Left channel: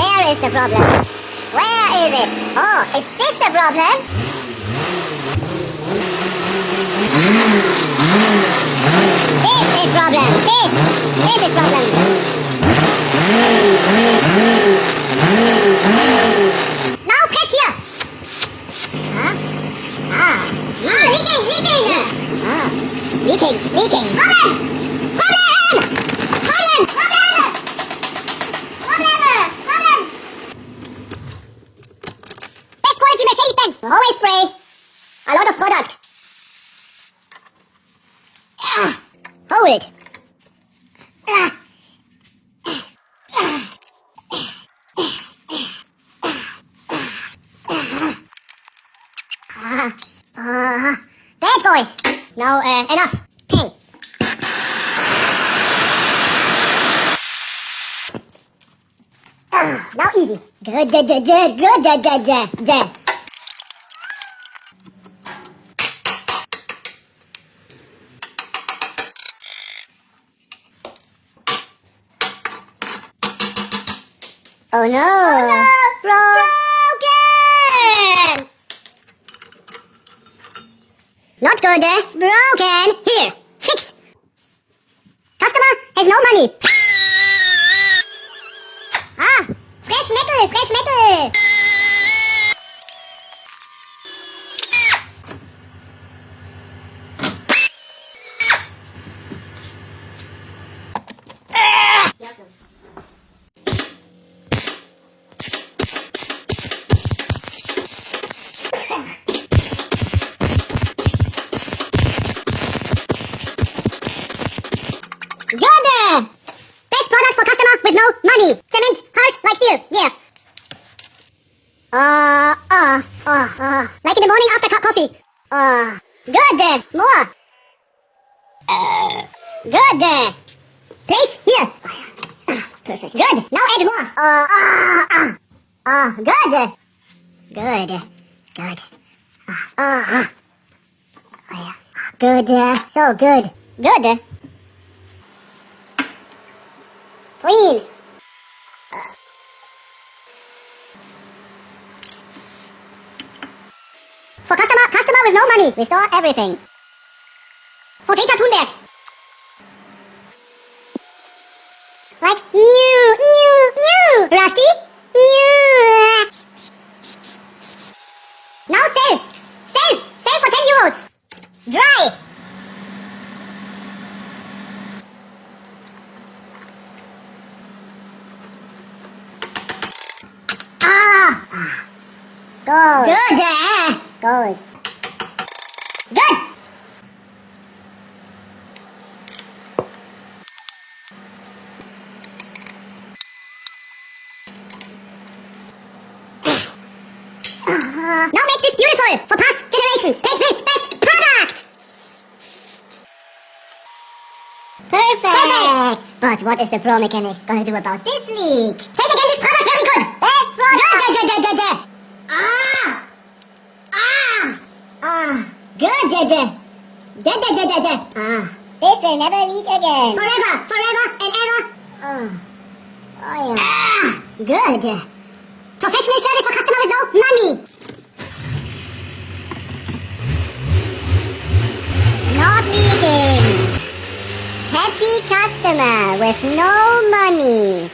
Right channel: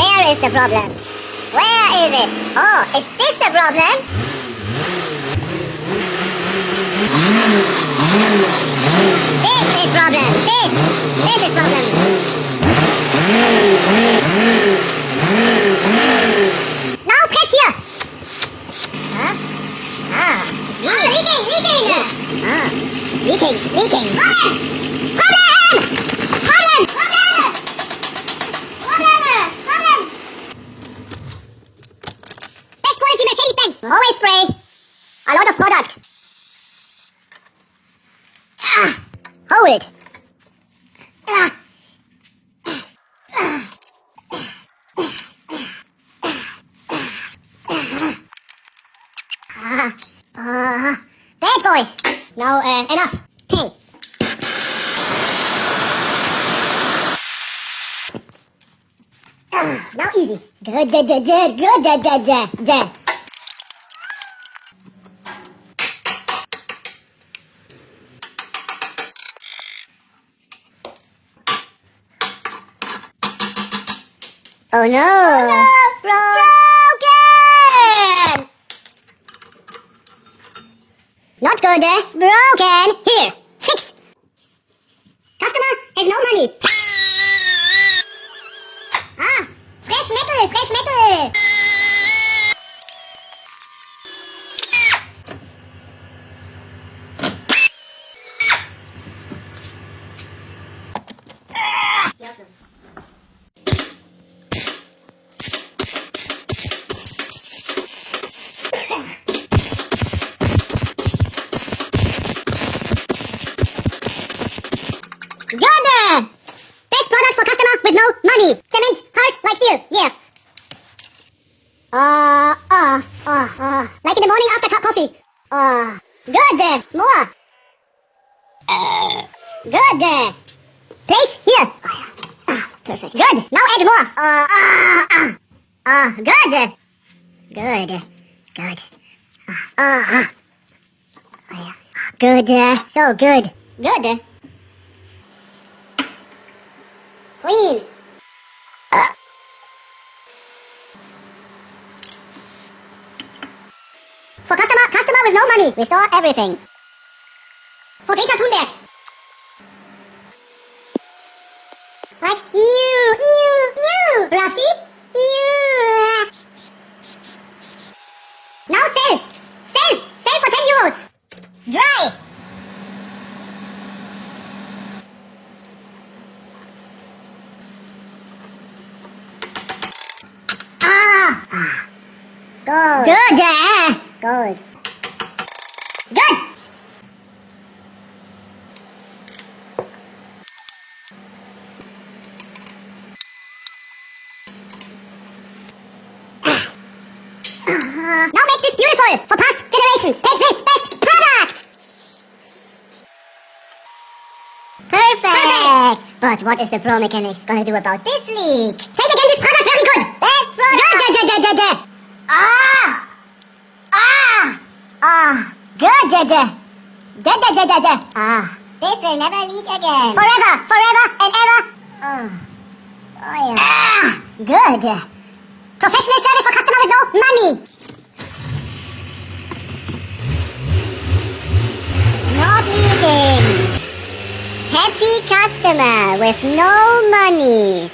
Where is the problem? Where is it? Oh, is this the problem? This is problem. This is problem. Now press here. Huh? Leaking. Leaking. Problem. Best quality Mercedes-Benz. Always spray. A lot of product. Hold. Bad boy. Now enough. Pen. Now easy. Good. Oh no! Broken! Not good, broken. Here, fix. Customer has no money. Fresh metal. Good! Best product for customer with no money. Cement, hard like steel. Yeah. Like in the morning after coffee. Good. More. Good. Place here. Perfect. Good. Now add more. Good. Good. So good. Good. Clean. For customer with no money, restore everything. For Peter Thunberg. Like new. Rusty? New. Now save for 10 euros. Dry. Gold. Good. Good. Now make this beautiful for past generations. Take this best product. Perfect. But what is the pro mechanic gonna do about this leak? Take again this product. Very good. Best product. Good. This will never leak again. Forever and ever. Good. Professional service for customer with no money. Not leaking. Happy customer with no money.